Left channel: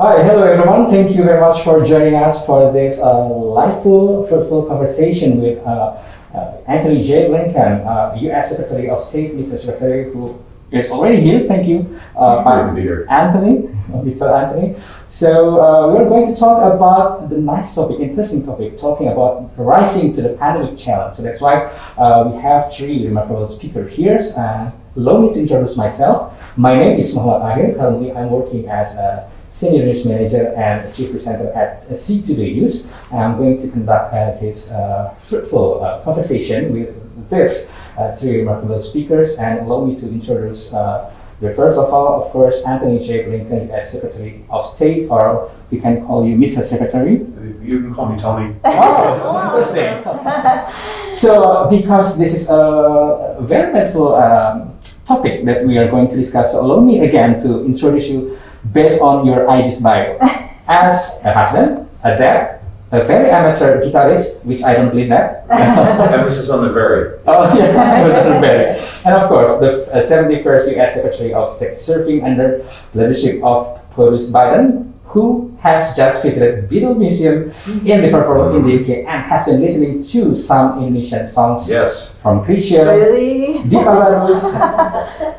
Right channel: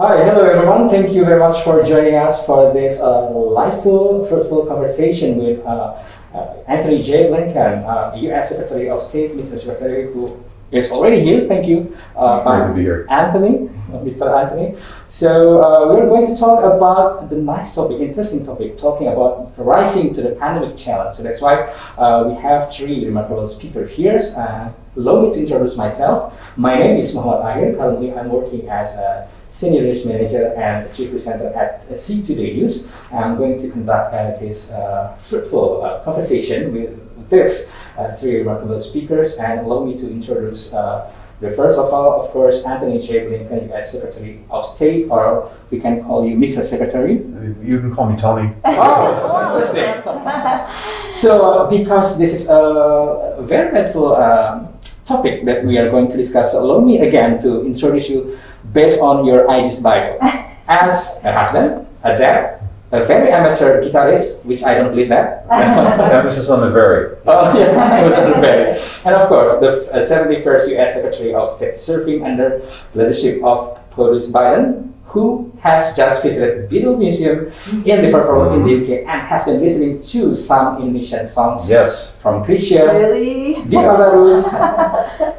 Hi, hello everyone. Thank you very much for joining us for this liveful, fruitful conversation with Antony J. Blinken, U.S. Secretary of State, Mr. Secretary, who is already here. Thank you, Great to be here. Anthony, Mr. Anthony. So we're going to talk about the nice topic, interesting topic, talking about rising to the pandemic challenge. So that's why we have three remarkable speakers here. Allow me to introduce myself. My name is Mochamad. Currently, I'm working as a Senior News Manager and Chief Presenter at C2Day News. I'm going to conduct this fruitful conversation with this three remarkable speakers, and allow me to introduce the first of all, of course, Antony J. Blinken, U.S. Secretary of State, or we can call you Mr. Secretary. You can call me Tony. Oh, interesting. So, because this is a very helpful topic that we are going to discuss, so allow me again to introduce you based on your IG's bio. As a husband, a dad, a very amateur guitarist, which I don't believe that. Emphasis on the very. Oh, yeah, it was on the very. And of course, the 71st U.S. Secretary of State, serving under the leadership of President Biden, who has just visited Beatle Museum in Liverpool in the UK and has been listening to some Indonesian songs. Yes. From Krisha, Really? Di Azarus,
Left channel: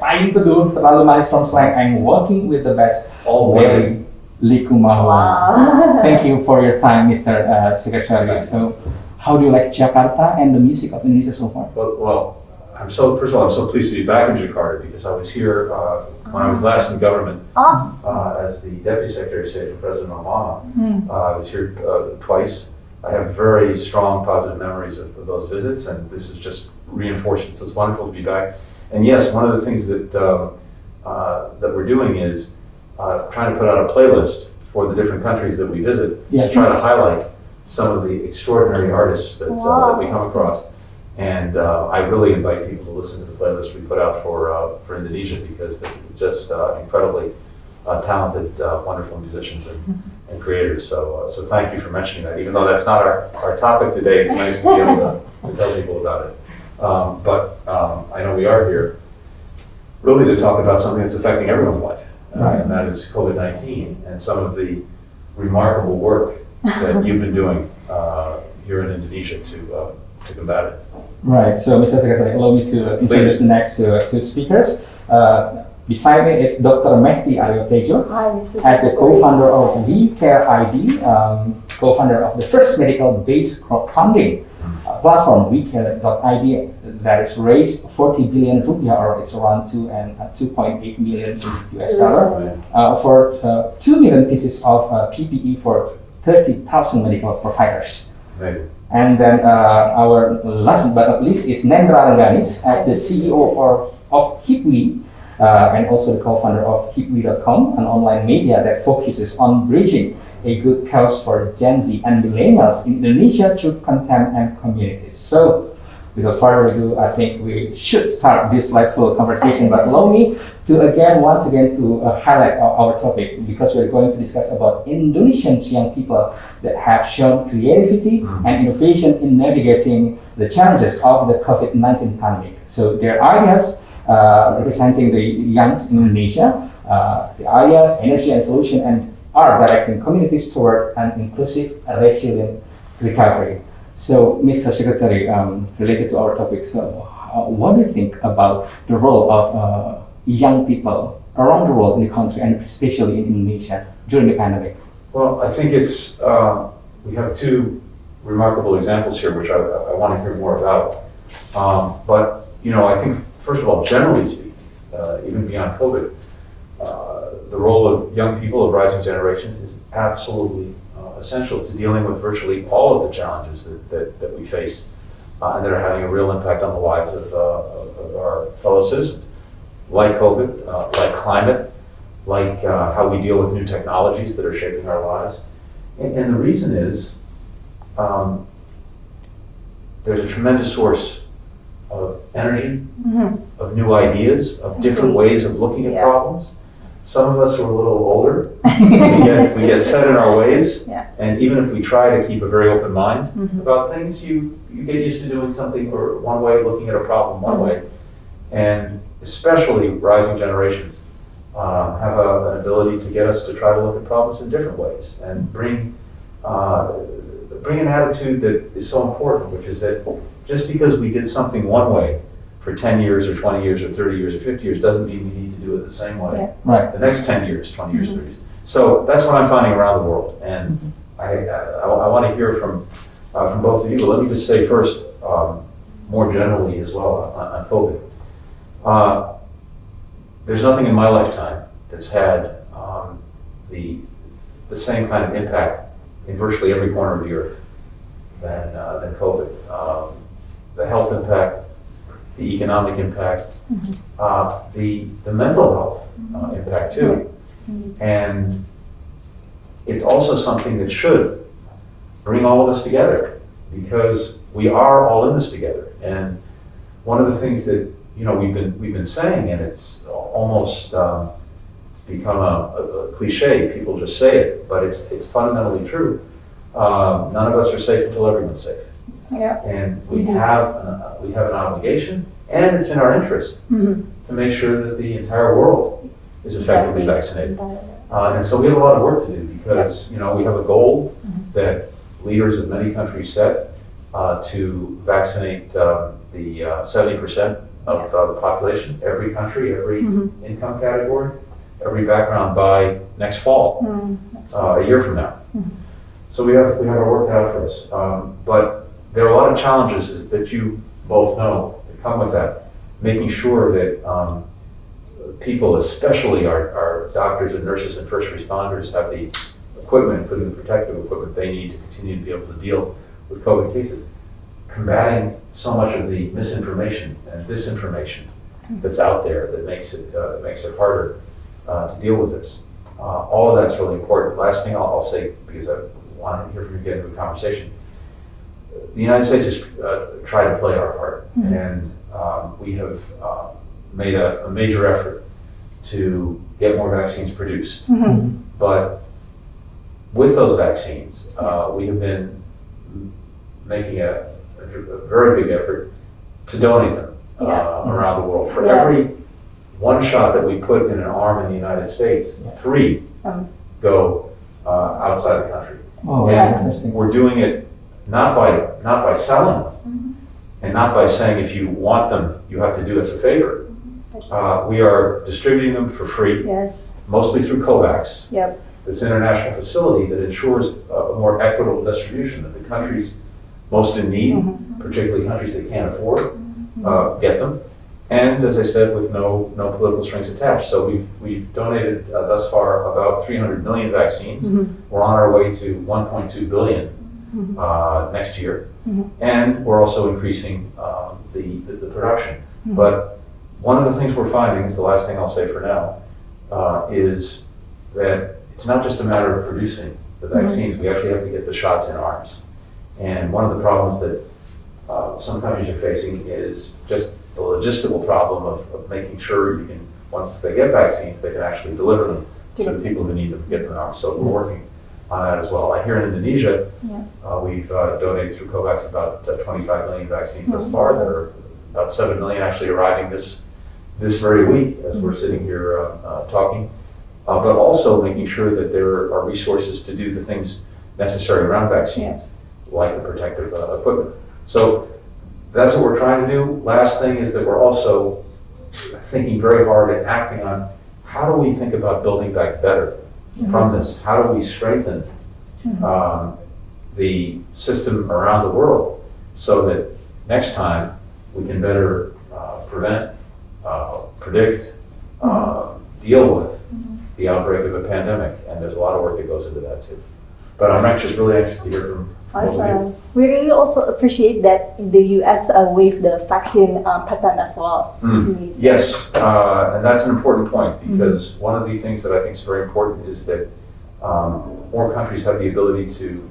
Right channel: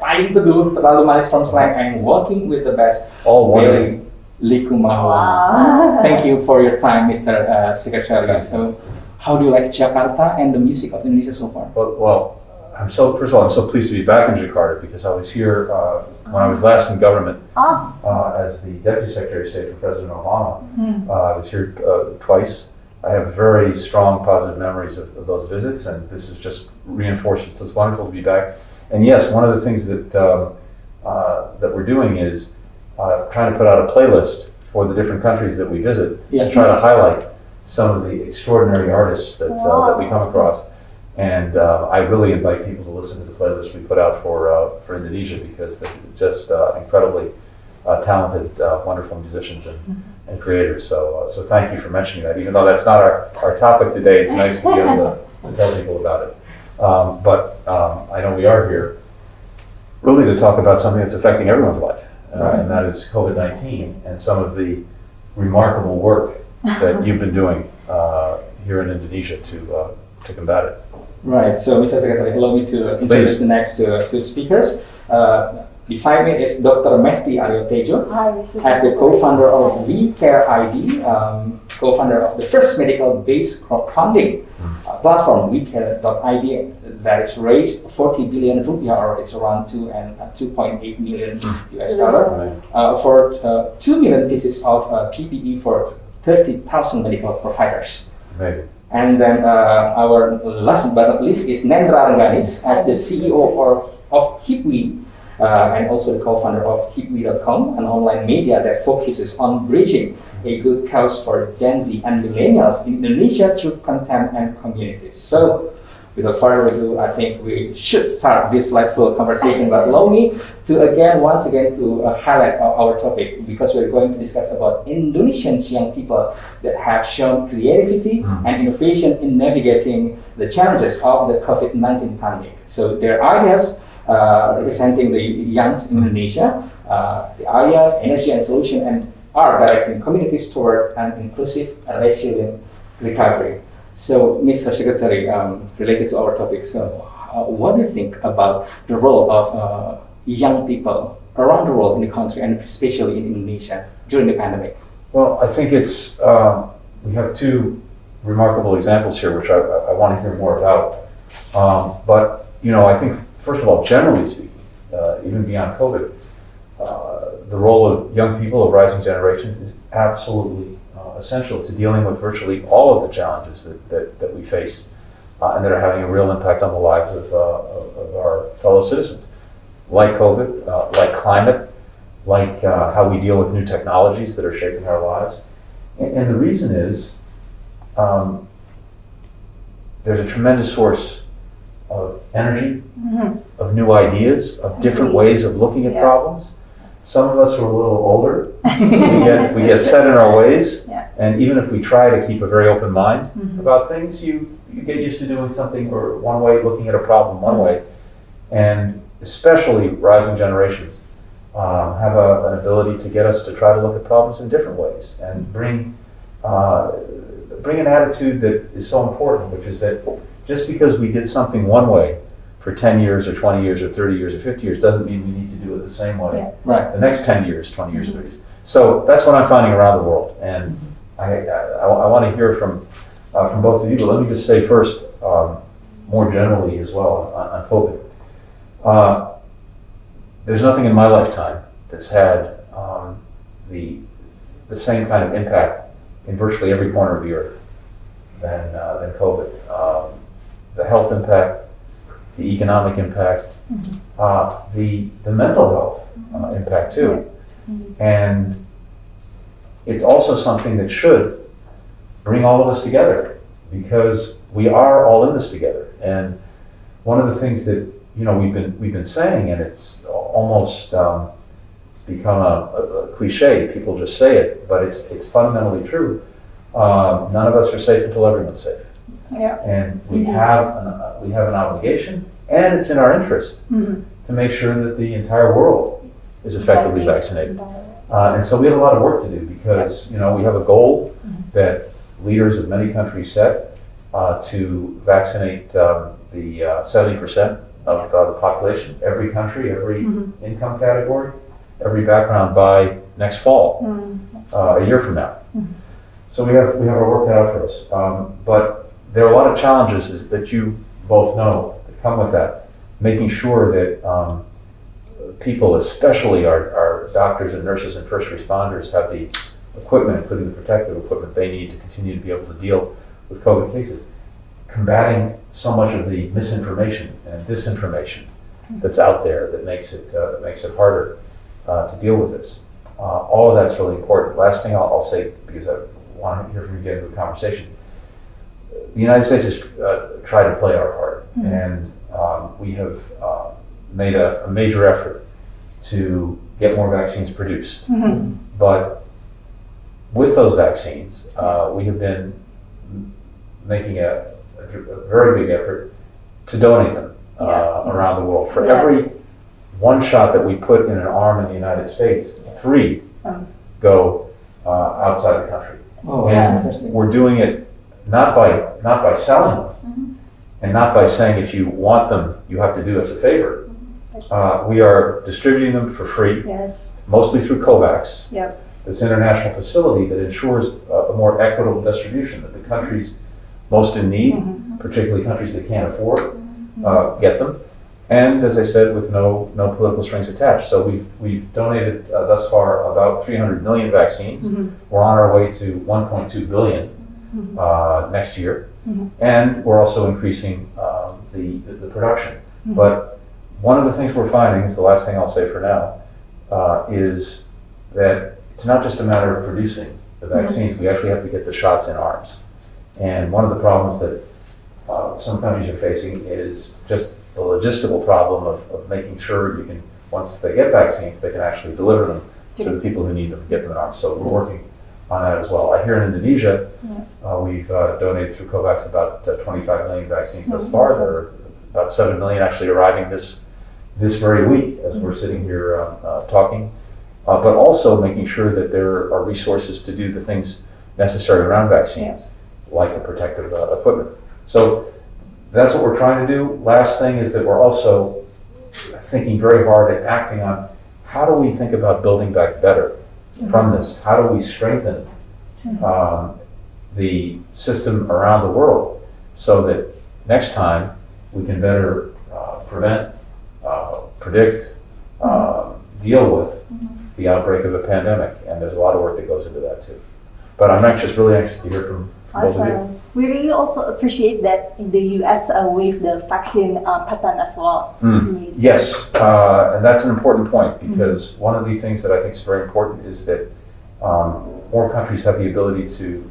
Paling Teduh, Terlalu Manis from Slang, and Working with the Best. All Very Likumahawan. Wow. Thank you for your time, Mr. Secretary. So, how do you like Jakarta and the music of Indonesia so far? Well, first of all, I'm so pleased to be back in Jakarta because I was here when I was last in government as the Deputy Secretary of State for President Obama. I was here twice. I have very strong positive memories of those visits, and this is just reinforced. It's just wonderful to be back. And yes, one of the things that that we're doing is trying to put out a playlist for the different countries that we visit to try to highlight some of the extraordinary artists that we come across. And I really invite people to listen to the playlist we put out for Indonesia, because they're just incredibly talented, wonderful musicians and creators. So thank you for mentioning that. Even though that's not our topic today, it's nice to be able to tell people about it. But I know we are here really to talk about something that's affecting everyone's life, and that is COVID-19 and some of the remarkable work that you've been doing here in Indonesia to combat it. Right, so Mr. Secretary, allow me to introduce the next two speakers. Beside me is Dr. Mesty Ariotedjo, as the co-founder of WeCare.id, co-founder of the first medical-based crowdfunding platform, WeCare.id, that is raised 40 billion rupiah, or it's around 2.8 million US dollar, for 2 million pieces of PPE for 30,000 medical providers. Amazing. And then our last but not least is Nendra Rengganis, as the CEO of Hipwee, and also the co-founder of Hipwee.com, an online media that focuses on bridging a good cause for Gen Z and millennials in Indonesia through content and communities. So, without further ado, I think we should start this delightful conversation. But allow me to once again to highlight our topic, because we're going to discuss about Indonesian young people that have shown creativity and innovation in navigating the challenges of the COVID-19 pandemic. So their ideas representing the youngs in Indonesia, the ideas, energy, and solution, and are directing communities toward an inclusive and resilient recovery. So, Mr. Secretary, related to our topic, so what do you think about the role of young people around the world in the country, and especially in Indonesia during the pandemic? Well, I think it's we have two remarkable examples here, which I want to hear more about. But I think first of all, generally speaking, even beyond COVID, the role of young people, of rising generations, is absolutely essential to dealing with virtually all of the challenges that we face and that are having a real impact on the lives of our fellow citizens, like COVID, like climate, like how we deal with new technologies that are shaping our lives. And the reason is there's a tremendous source of energy, of new ideas, of different ways of looking at problems. Some of us who are a little older, we get set in our ways, and even if we try to keep a very open mind about things, you get used to doing something or one way, looking at a problem one way. And especially rising generations have an ability to get us to try to look at problems in different ways and bring an attitude that is so important, which is that just because we did something one way for 10 years or 20 years or 30 years or 50 years doesn't mean we need to do it the same way Right. the next 10 years, 20 years, 30 years. So that's what I'm finding around the world. And I want to hear from both of you, but let me just say first, more generally as well on COVID. There's nothing in my lifetime that's had the same kind of impact in virtually every corner of the earth than COVID. The health impact, the economic impact, the mental health impact too. And it's also something that should bring all of us together, because we are all in this together. And one of the things that we've been saying, and it's almost become a cliche. People just say it, but it's fundamentally true. None of us are safe until everyone's safe. Yeah. And we have an obligation, and it's in our interest to make sure that the entire world is effectively vaccinated. And so we have a lot of work to do, because we have a goal that leaders of many countries set to vaccinate the 70% of the population, every country, every income category, every background by next fall, a year from now. So we have our work cut out for us. But there are a lot of challenges that you both know that come with that. Making sure that people, especially our doctors and nurses and first responders, have the equipment, including the protective equipment they need to continue to be able to deal with COVID cases. Combating so much of the misinformation and disinformation that's out there that makes it harder to deal with this. All of that's really important. Last thing I'll say, because I want to hear from you get into the conversation. The United States has tried to play our part, and we have made a major effort to get more vaccines produced. But with those vaccines, we have been making a very big effort to donate them around the world. For every one shot that we put in an arm in the United States, 3 go outside the country. Oh, that's interesting. We're doing it not by selling them, and not by saying if you want them, you have to do us a favor. We are distributing them for free, mostly through COVAX. This international facility that ensures a more equitable distribution, that the countries most in need, particularly countries that can't afford, get them. And as I said, with no political strings attached. So we've donated thus far about 300 million vaccines. We're on our way to 1.2 billion next year, and we're also increasing the production. But one of the things we're finding, is the last thing I'll say for now, is that it's not just a matter of producing the vaccines. We actually have to get the shots in arms. And one of the problems that some countries are facing is just the logistical problem of making sure you can, once they get vaccines, they can actually deliver them to the people who need them, get them in arms. So we're working on that as well. I hear in Indonesia, we've donated through COVAX about 25 million vaccines thus far. There are about 7 million actually arriving this very week as we're sitting here talking. But also making sure that there are resources to do the things necessary around vaccines, like the protective equipment. So that's what we're trying to do. Last thing is that we're also thinking very hard and acting on how do we think about building back better from this? How do we strengthen the system around the world so that next time we can better prevent, predict, deal with the outbreak of a pandemic? And there's a lot of work that goes into that too. But I'm really anxious to hear from both of you. We really also appreciate that in the US with the vaccine pattern as well. Yes, and that's an important point, because one of the things that I think is very important is that more countries have the ability to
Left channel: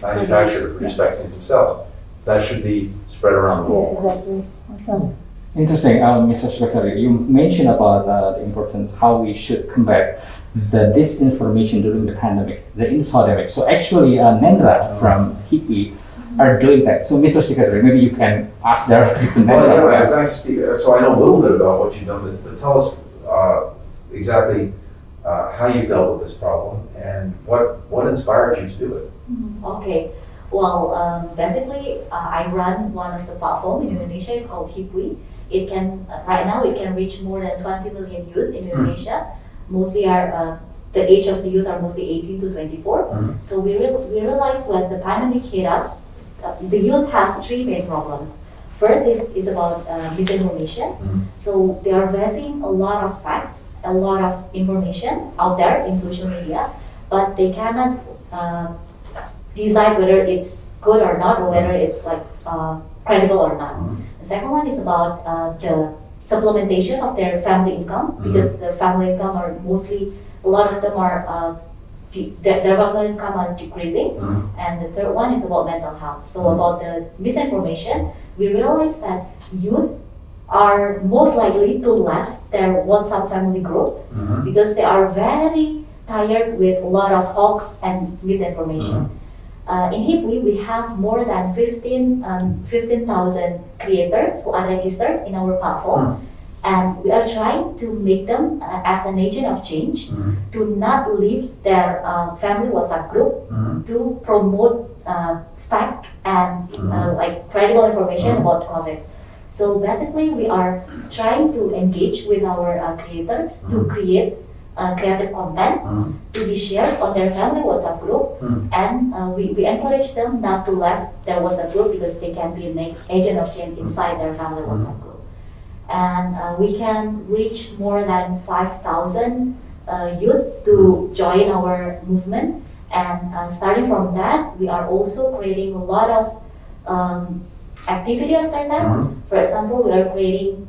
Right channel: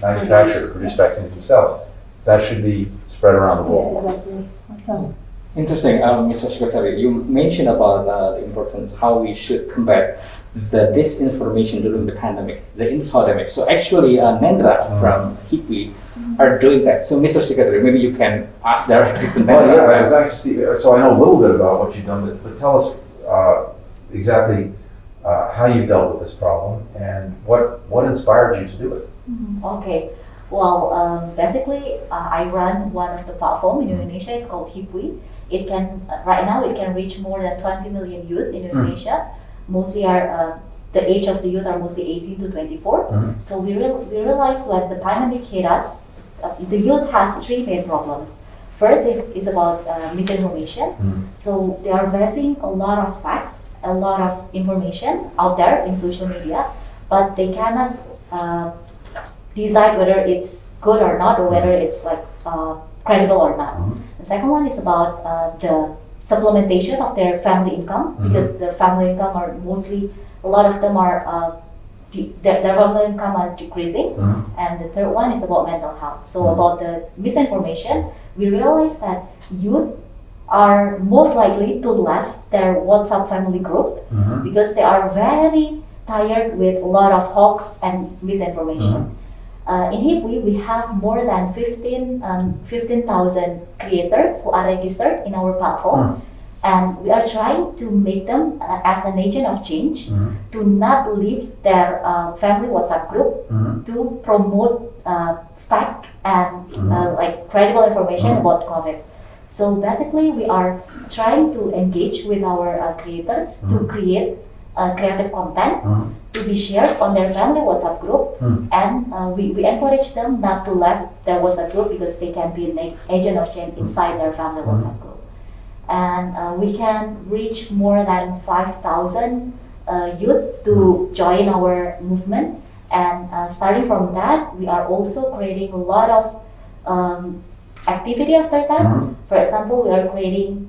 manufacture, produce vaccines themselves. That should be spread around the world. Exactly. Awesome. Interesting, Mr. Secretary. You mentioned about the importance how we should combat the disinformation during the pandemic, the infodemic. So actually, Nendra from Hipwee are doing that. So, Mr. Secretary, maybe you can ask directly to Nendra. So I know a little bit about what you've done, but tell us exactly how you dealt with this problem and what inspired you to do it. Okay. Well, basically, I run one of the platform in Indonesia. It's called Hipwee. It can right now it can reach more than 20 million youth in Indonesia. Mostly are the age of the youth are mostly 18 to 24. So we realized when the pandemic hit us, the youth has three main problems. First is about misinformation. So they are facing a lot of facts, a lot of information out there in social media, but they cannot decide whether it's good or not, or whether it's like credible or not. The second one is about the supplementation of their family income, because the family income are mostly, a lot of them are their family income are decreasing. And the third one is about mental health. So about the misinformation, we realize that youth are most likely to left their WhatsApp family group because they are very tired with a lot of hoax and misinformation. In Hipwi, we have more than 15,000 creators who are registered in our platform. And we are trying to make them as an agent of change to not leave their family WhatsApp group to promote fact and like credible information about COVID. So basically, we are trying to engage with our creators to create creative content to be shared on their family WhatsApp group, and we encourage them not to leave their WhatsApp group because they can be an agent of change inside their family WhatsApp group. And we can reach more than 5,000 youth to join our movement. And starting from that, we are also creating a lot of activity after that. For example, we are creating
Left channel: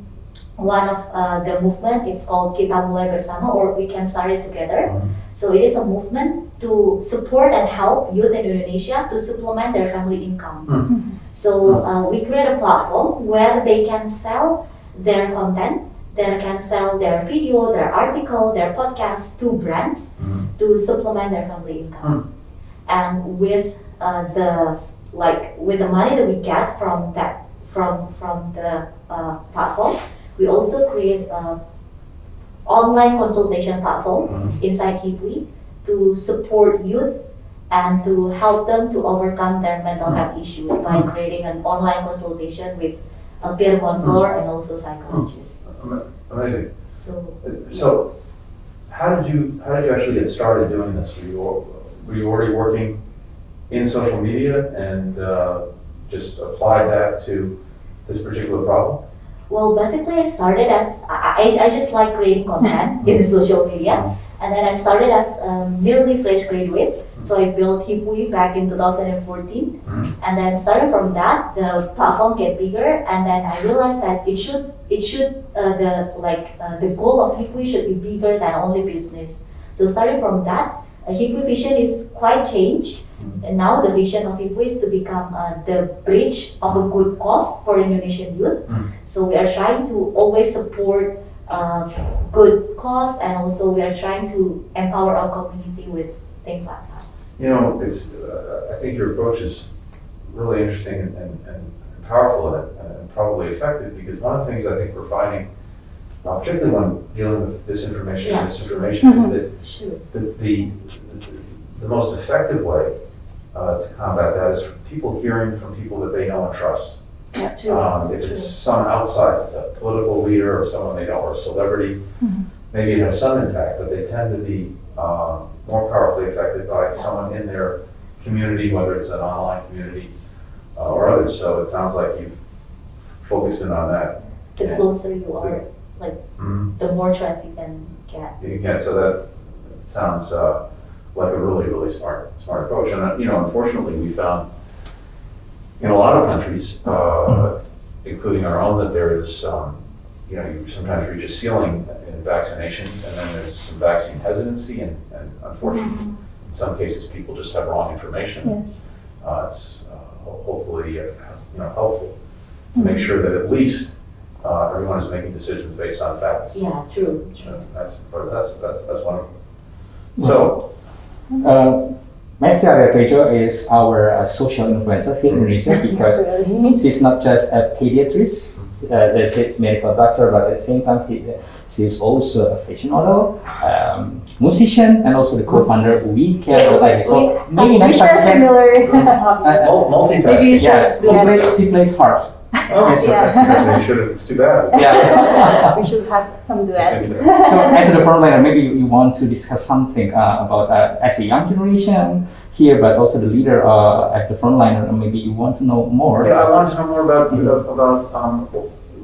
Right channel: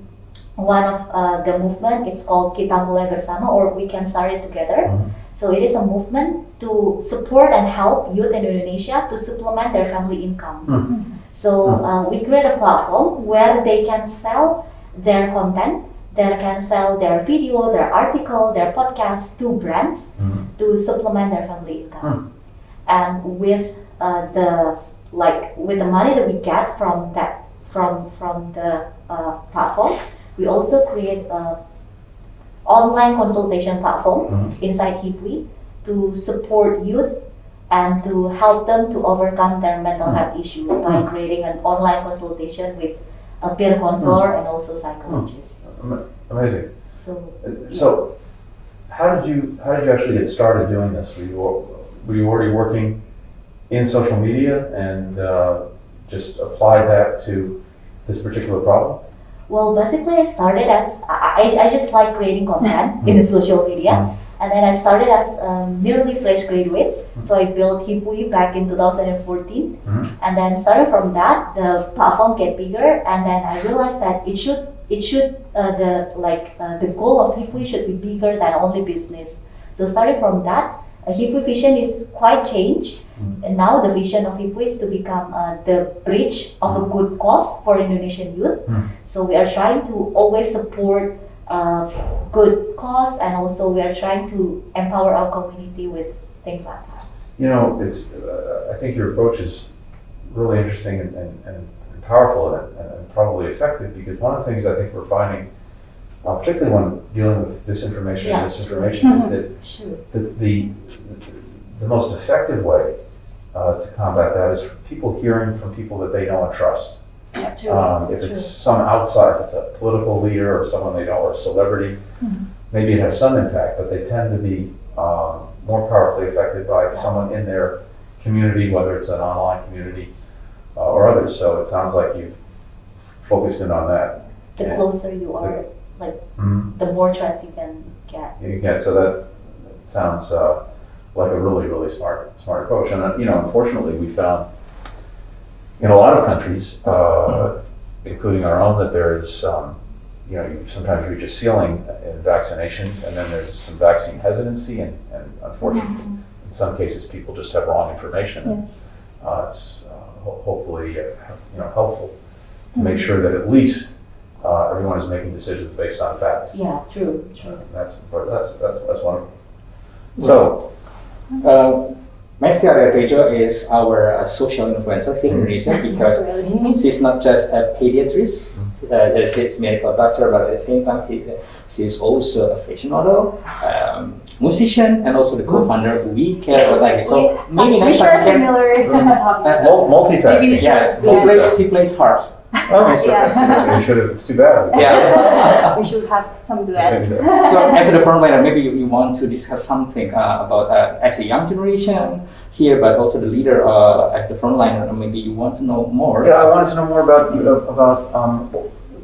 one of the movement. It's called Kita Mulai Bersama, or We Can Start It Together. So it is a movement to support and help youth in Indonesia to supplement their family income. So we create a platform where they can sell their content, they can sell their video, their article, their podcast to brands to supplement their family income. And with with the money that we get from that from the platform, we also create an online consultation platform inside Hipwi to support youth and to help them to overcome their mental health issue by creating an online consultation with a peer counselor and also psychologist. Amazing. So how did you actually get started doing this? Were you already working in social media and just applied that to this particular problem? Well, basically I started as, I just like creating content in the social media. And then I started as a nearly fresh graduate. So I built Hipwi back in 2014. And then starting from that, the platform get bigger. And then I realized that the goal of Hipwi should be bigger than only business. So starting from that, Hipwi vision is quite changed. And now the vision of Hipwi is to become the bridge of a good cause for Indonesian youth. So we are trying to always support good cause, and also we are trying to empower our community with things like that. You know, it's. I think your approach is really interesting and powerful and probably effective, because one of the things I think we're finding, particularly when dealing with disinformation and misinformation, is that the most effective way to combat that is people hearing from people that they know and trust. If it's some outside, it's a political leader or someone they know or a celebrity, maybe it has some impact, but they tend to be more powerfully affected by someone in their community, whether it's an online community or others. So it sounds like you've focused in on that. The closer you are, the more trust you can get. So that sounds like a really, really smart approach. And unfortunately, we found in a lot of countries, including our own, that there's, you sometimes reach a ceiling in vaccinations, and then there's some vaccine hesitancy, and unfortunately, in some cases, people just have wrong information. Yes. It's hopefully, helpful to make sure that at least everyone is making decisions based on facts. Yeah, true. That's wonderful. So. Mesty Ariotedjo is our social influencer here in Indonesia, because she's not just a pediatrician, He's medical doctor, but at the same time, she's also a fashion model, musician, and also the co-founder of WeCare.id. So maybe we next share time similar hobbies. Multitasking. Maybe you should yes, do that. she plays harp. Oh, so Yeah. that's- you should. It's too bad. Yeah. We should have some duets. So as the frontliner, maybe you want to discuss something about as a young generation here, but also the leader as the frontliner. Maybe you want to know more. Yeah, I wanted to know more about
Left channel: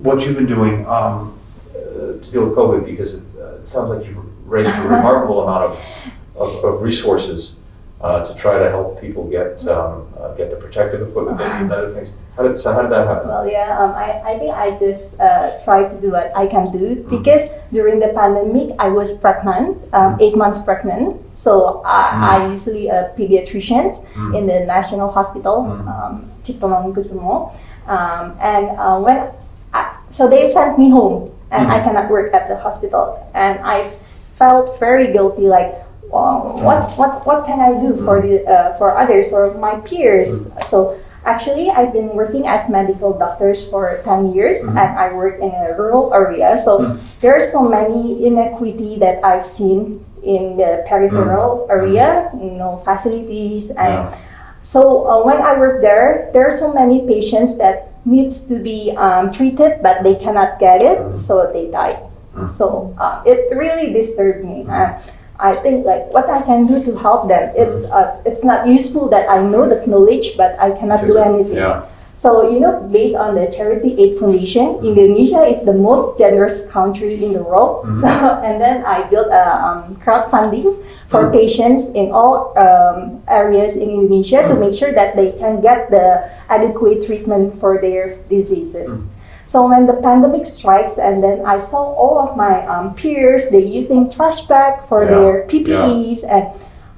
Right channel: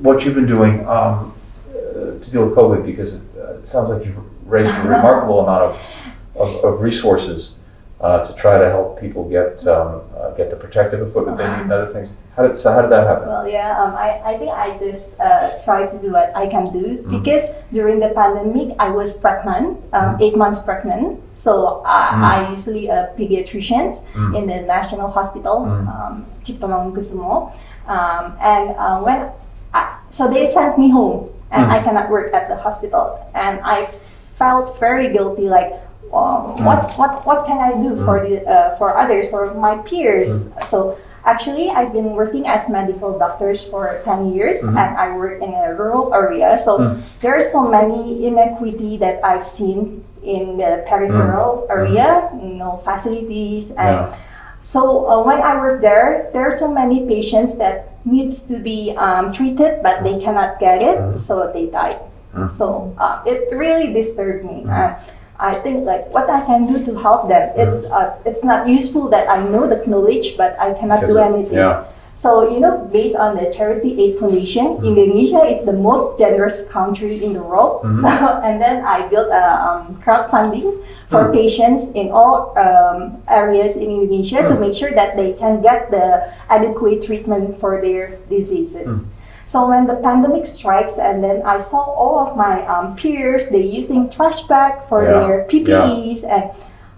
what you've been doing to deal with COVID, because it sounds like you've raised a remarkable amount of resources to try to help people get the protective equipment they need and other things. How did that happen? Well, yeah, I think I just try to do what I can do because during the pandemic I was pregnant, 8 months pregnant. So I usually a pediatrician in the National Hospital, Ciptomangunkusumo, so they sent me home and I cannot work at the hospital, and I felt very guilty, like. What can I do for others, for my peers? So actually, I've been working as medical doctors for 10 years, and I work in a rural area. So there are so many inequity that I've seen in the peripheral area, facilities, and so when I work there are so many patients that needs to be treated, but they cannot get it, so they die. So it really disturbed me. I think like what I can do to help them. It's not useful that I know the knowledge, but I cannot do anything. Yeah. So based on the Charity Aid Foundation, Indonesia is the most generous country in the world. So and then I built a crowdfunding for patients in all areas in Indonesia to make sure that they can get the adequate treatment for their diseases. So when the pandemic strikes, and then I saw all of my peers, they using trash bag for their PPEs, and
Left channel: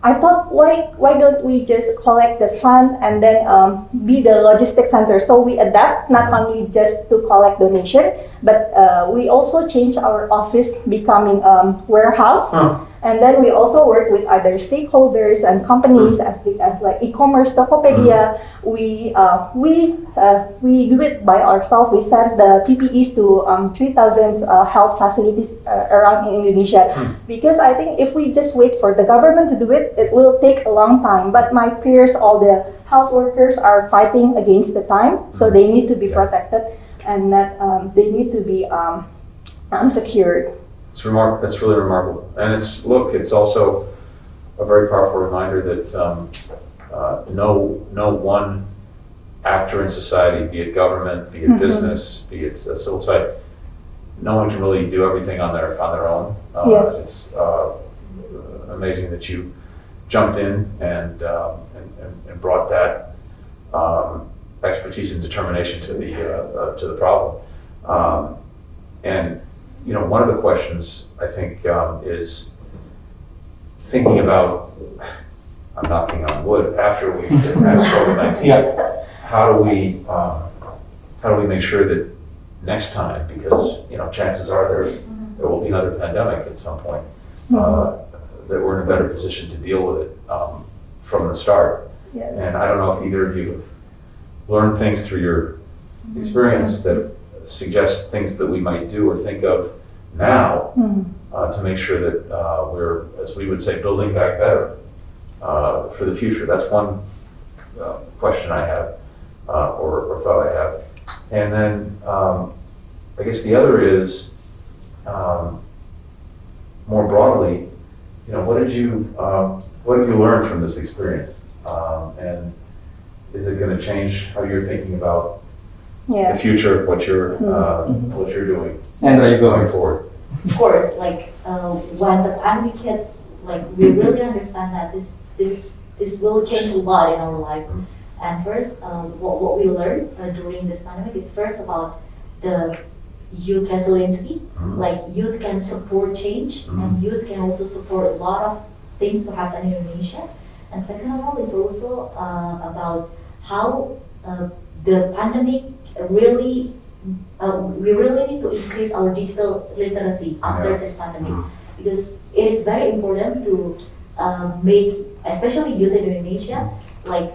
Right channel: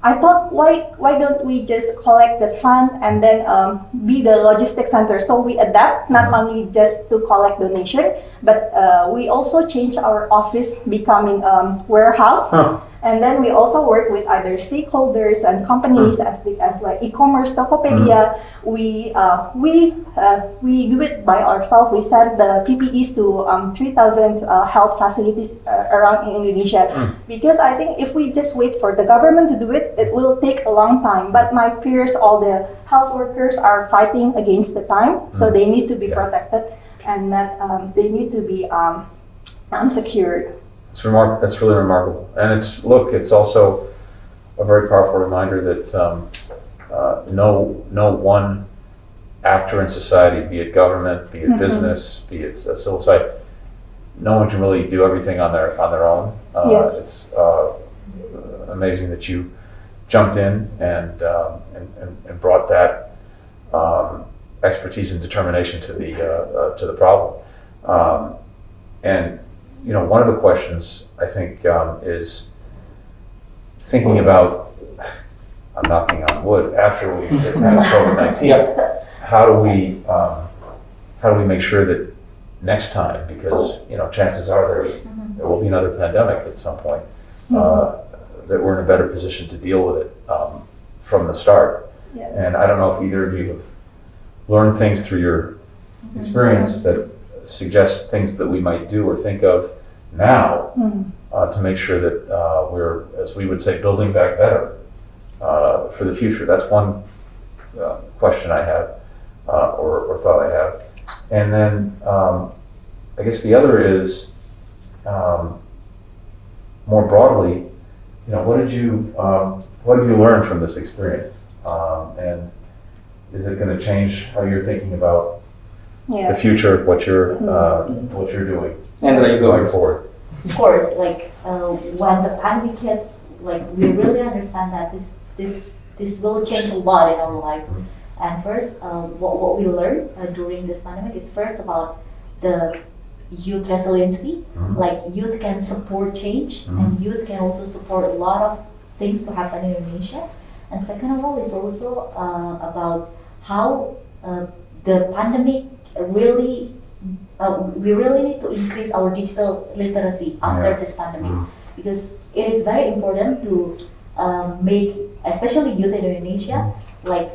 I thought, why don't we just collect the fund and then be the logistic center? So we adapt not only just to collect donation, but we also change our office becoming warehouse. And then we also work with other stakeholders and companies as big as like e-commerce, Tokopedia. We do it by ourselves. We send the PPEs to 3,000 health facilities around in Indonesia. Because I think if we just wait for the government to do it, it will take a long time. But my peers, all the health workers are fighting against the time, so they need to be protected, and that they need to be secured. That's really remarkable, and it's also a very powerful reminder that no one actor in society, be it government, be it business, be it a civil society, no one can really do everything on their own. Yes. It's amazing that you jumped in and brought that expertise and determination to the problem, and. One of the questions I think is thinking about, I'm knocking on wood, after we get past COVID-19, how do we make sure that next time, because chances are there will be another pandemic at some point, that we're in a better position to deal with it from the start. Yes. And I don't know if either of you have learned things through your experience that suggest things that we might do or think of now to make sure that we're, as we would say, building back better for the future. That's one question I have or thought I have. And then I guess the other is more broadly, what have you learned from this experience? And is it going to change how you're thinking about the future, what you're doing, and there you go. going forward? Of course, like when the pandemic hits, like we really understand that this will change a lot in our life. And first, what we learned during this pandemic is first about the youth resiliency. Like youth can support change, and youth can also support a lot of things to happen in Indonesia. And second of all is also about how the pandemic really we really need to increase our digital literacy after this pandemic, because it is very important to make, especially youth in Indonesia, like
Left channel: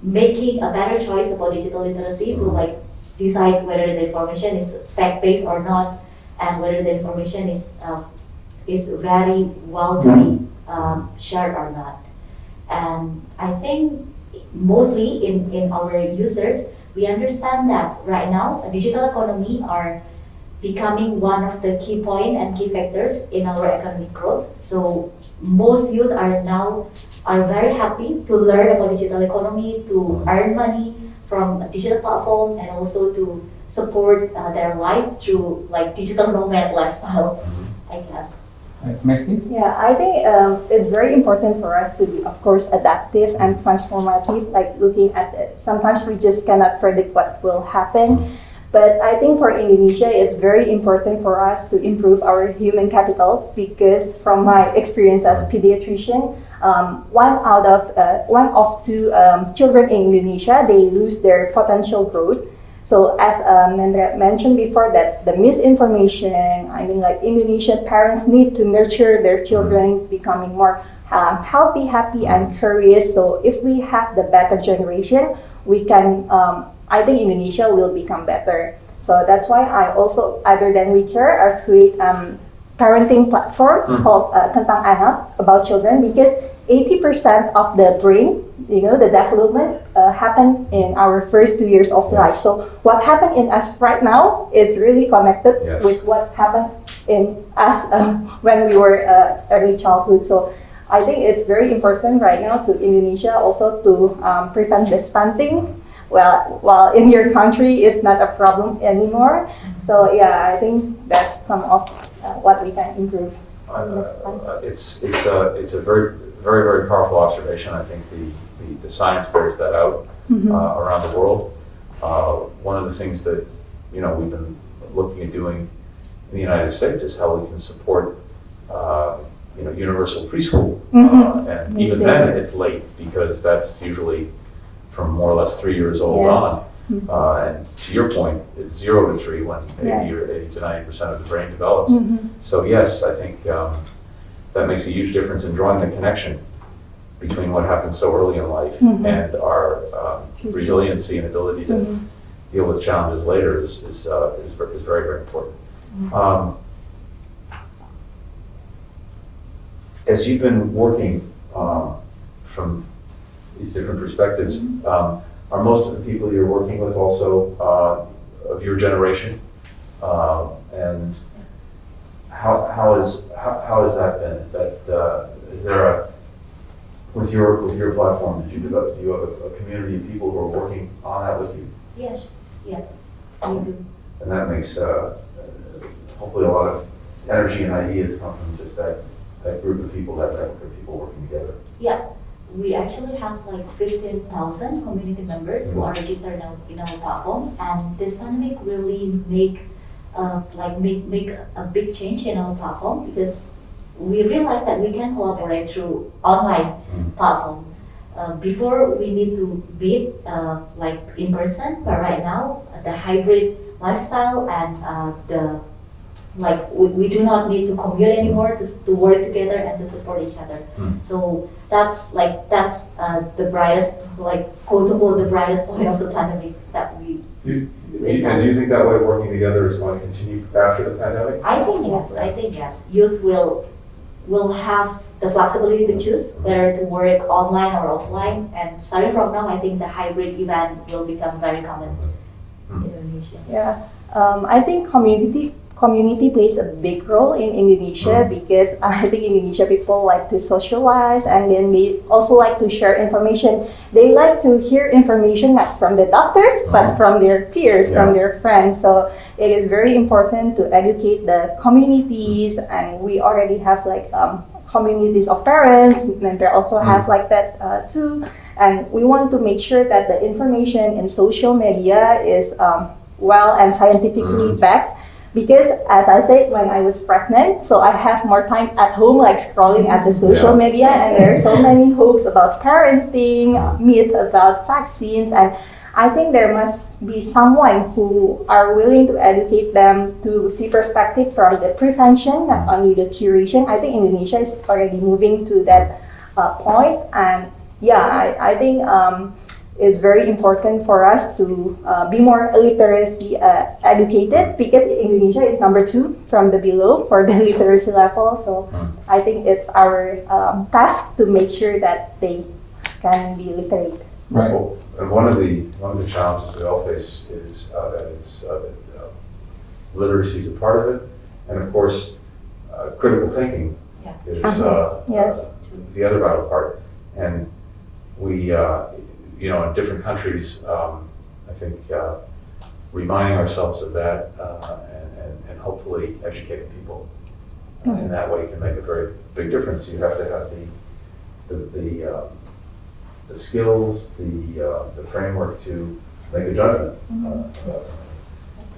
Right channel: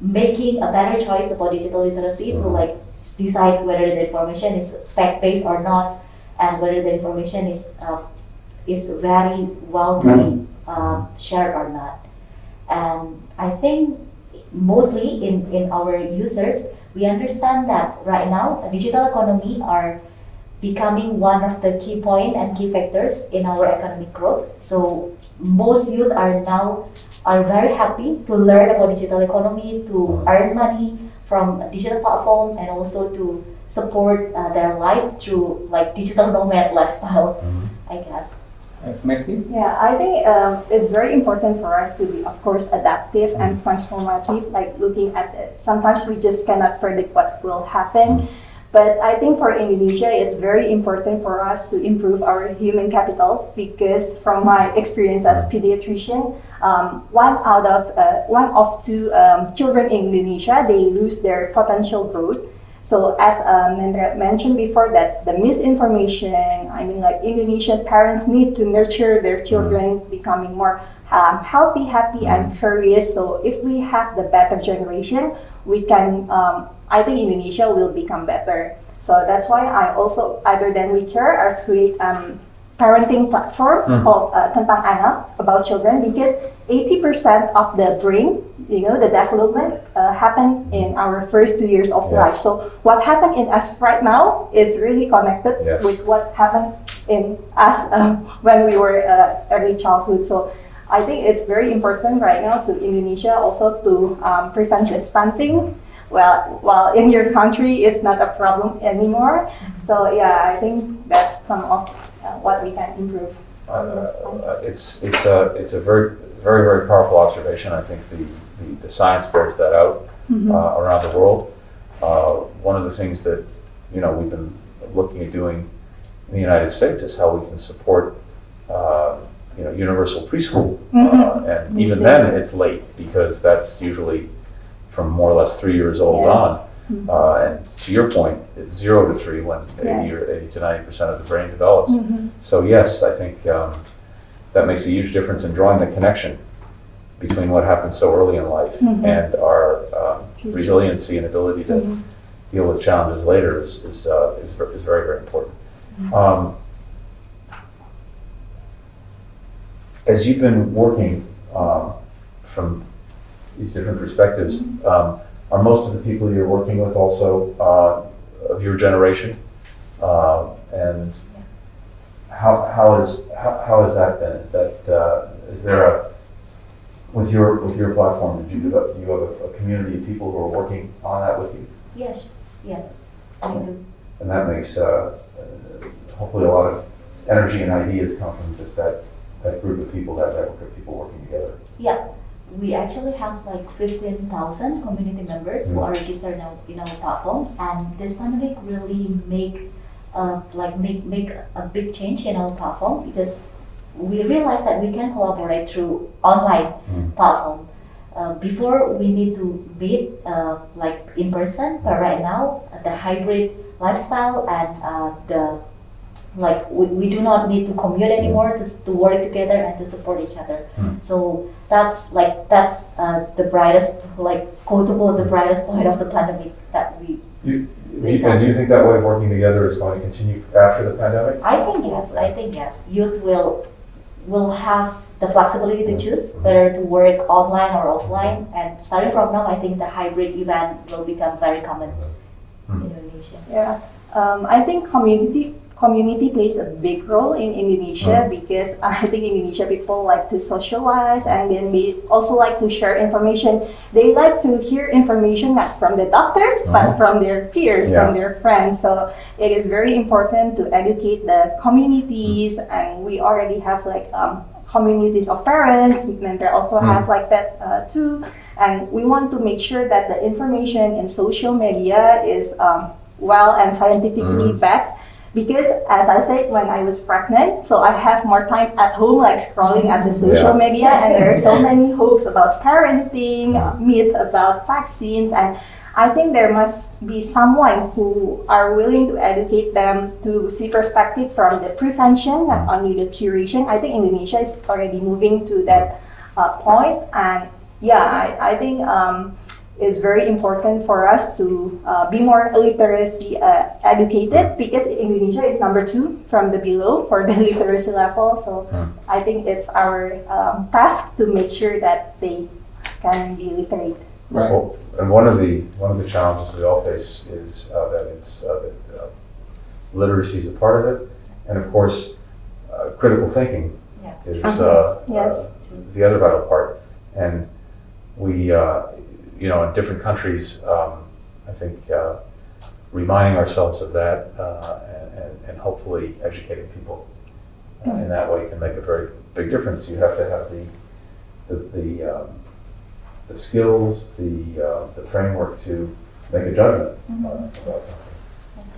making a better choice about digital literacy to like decide whether the information is fact-based or not, and whether the information is very well to be shared or not. And I think mostly in our users, we understand that right now, a digital economy are becoming one of the key point and key factors in our economic growth. So most youth are very happy to learn about digital economy, to earn money from a digital platform, and also to support their life through like digital nomad lifestyle, I guess. Mesty? Yeah, I think it's very important for us to be, of course, adaptive and transformative, like looking at it. Sometimes we just cannot predict what will happen. But I think for Indonesia, it's very important for us to improve our human capital because from my experience as pediatrician, one of two children in Indonesia, they lose their potential growth. So as Nendra mentioned before, that the misinformation, I mean, like Indonesian parents need to nurture their children becoming more healthy, happy, and curious. So if we have the better generation, we can, I think Indonesia will become better. So that's why I also, other than WeCare, I create parenting platform called Tentang Anak, about children, because 80% of the brain, the development happen in our first 2 years of life. So what happened in us right now is really connected with what happened in us when we were early childhood. So I think it's very important right now to Indonesia also to prevent the stunting. Well, while in your country it's not a problem anymore. So yeah, I think that's some of what we can improve. It's a very, very, very powerful observation. I think the science bears that out around the world. One of the things that we've been looking at doing in the United States is how we can support universal preschool, and even then it's late because that's usually from more or less 3 years old on. And to your point, it's 0 to 3 when 80 to 90% of the brain develops. So yes, I think that makes a huge difference in drawing the connection between what happens so early in life and our resiliency and ability to deal with challenges later is very, very important. As you've been working from these different perspectives, are most of the people you're working with also of your generation? And how has that been? Is there with your platform, do you have a community of people who are working on that with you? Yes, we do. And that makes hopefully a lot of energy and ideas come from just that group of people, that network of people working together. Yeah. We actually have like 15,000 community members who are registered in our platform, and this pandemic really make a big change in our platform because we realized that we can collaborate through online platform. Before we need to meet like in person, but right now the hybrid lifestyle and we do not need to commute anymore to work together and to support each other. So that's the brightest, quotable, the brightest point of the pandemic that we. Do you think that way of working together is going to continue after the pandemic? I think yes. Youth will have the flexibility to choose whether to work online or offline, and starting from now, I think the hybrid event will become very common in Indonesia. Yeah, I think community plays a big role in Indonesia because I think Indonesia people like to socialize, and then they also like to share information. They like to hear information not from the doctors but from their peers, from their friends. So it is very important to educate the communities, and we already have communities of parents, and they also have like that too. And we want to make sure that the information in social media is well and scientifically backed. Because as I said, when I was pregnant, so I have more time at home, like scrolling at the social media, and there are so many hoax about parenting, myth about vaccines, and I think there must be someone who are willing to educate them to see perspective from the prevention, not only the curation. I think Indonesia is already moving to that point, and yeah, I think it's very important for us to be more literacy educated, because Indonesia is number 2 from the below for the literacy level. So I think it's our task to make sure that they can be literate. Right. Well, and one of the challenges we all face is that it's literacy is a part of it, and of course, critical thinking is Yes. the other vital part. And we, in different countries, I think reminding ourselves of that and hopefully educating people in that way can make a very big difference. You have to have the skills, the framework to make a judgment about something,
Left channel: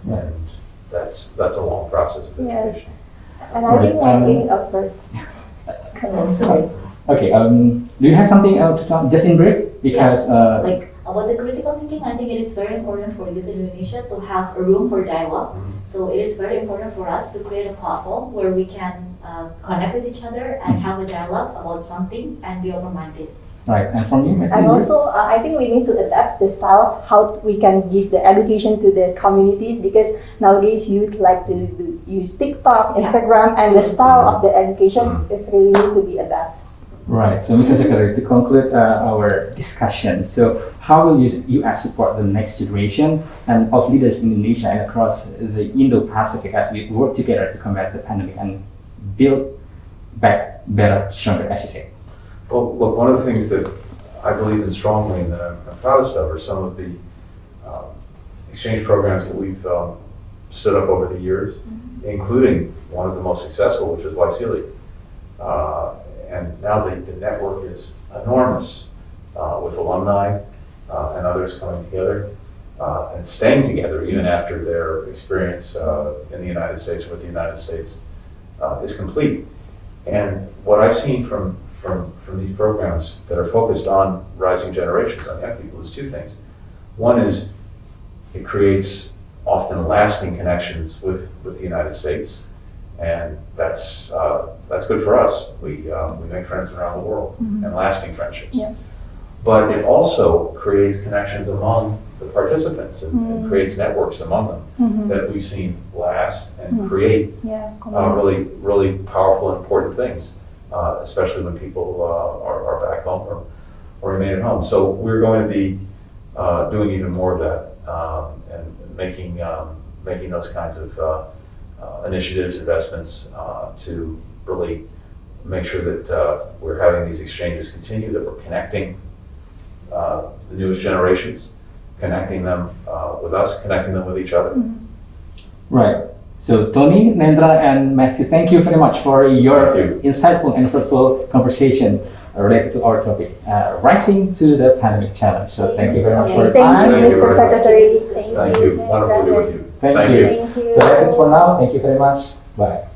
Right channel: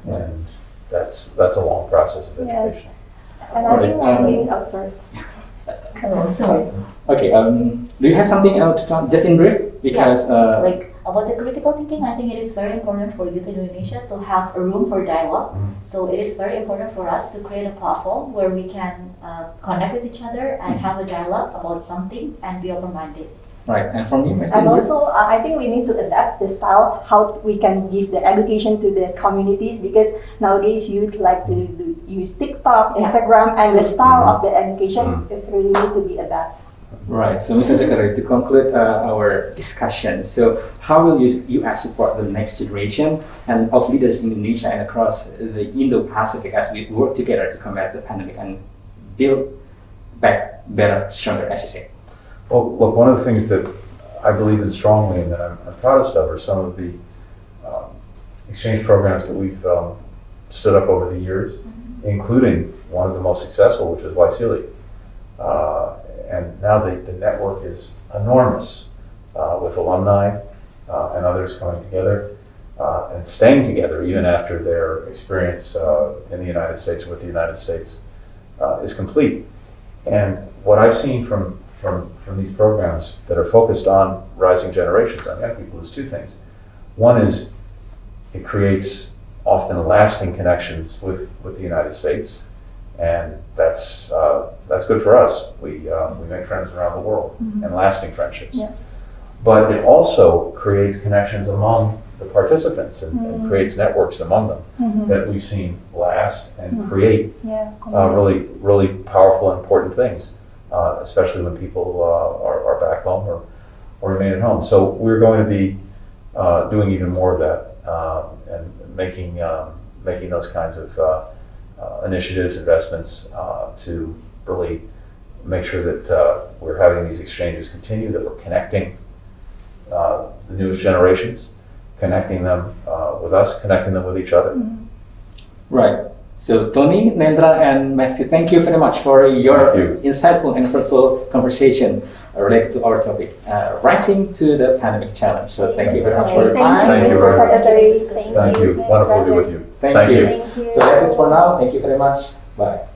and that's a long process of education. And I think one thing, sorry. Okay. Do you have something else to talk? Just in brief, because Like about the critical thinking, I think it is very important for youth in Indonesia to have a room for dialogue. So it is very important for us to create a platform where we can connect with each other and have a dialogue about something and be open-minded. right. And from you, Mesty, And also, I think we need to adapt the style, how we can give the education to the communities, because nowadays youth like to use TikTok, Instagram, and the style of the education is really need to be adapted. Right. So, Mr. Secretary, to conclude our discussion, so how will U.S. support the next generation and of leaders in Indonesia and across the Indo-Pacific as we work together to combat the pandemic and build back better, stronger, as you say? Well, look, one of the things that I believe in strongly and that I'm proudest of are some of the exchange programs that we've stood up over the years, including one of the most successful, which is WeCare.id. And now the network is enormous with alumni and others coming together and staying together even after their experience in the United States with the United States is complete. And what I've seen from these programs that are focused on rising generations, on young people, is 2 things. One is it creates often lasting connections with the United States, and that's good for us. We make friends around the world and lasting friendships. Yeah. But it also creates connections among the participants and creates networks among them that we've seen last and create really, really powerful and important things, especially when people are back home or remain at home. So we're going to be doing even more of that and making those kinds of initiatives, investments to really make sure that we're having these exchanges continue, that we're connecting the newest generations, connecting them with us, connecting them with each other. Right. So Tony, Nendra, and Mesty, thank you very much for your insightful and fruitful conversation related to our topic, Rising to the Pandemic Challenge. So thank you very much for your time. Thank you, Mr. Secretary. Thank you. Wonderful to be with you. Thank you. So that's it for now. Thank you very much. Bye.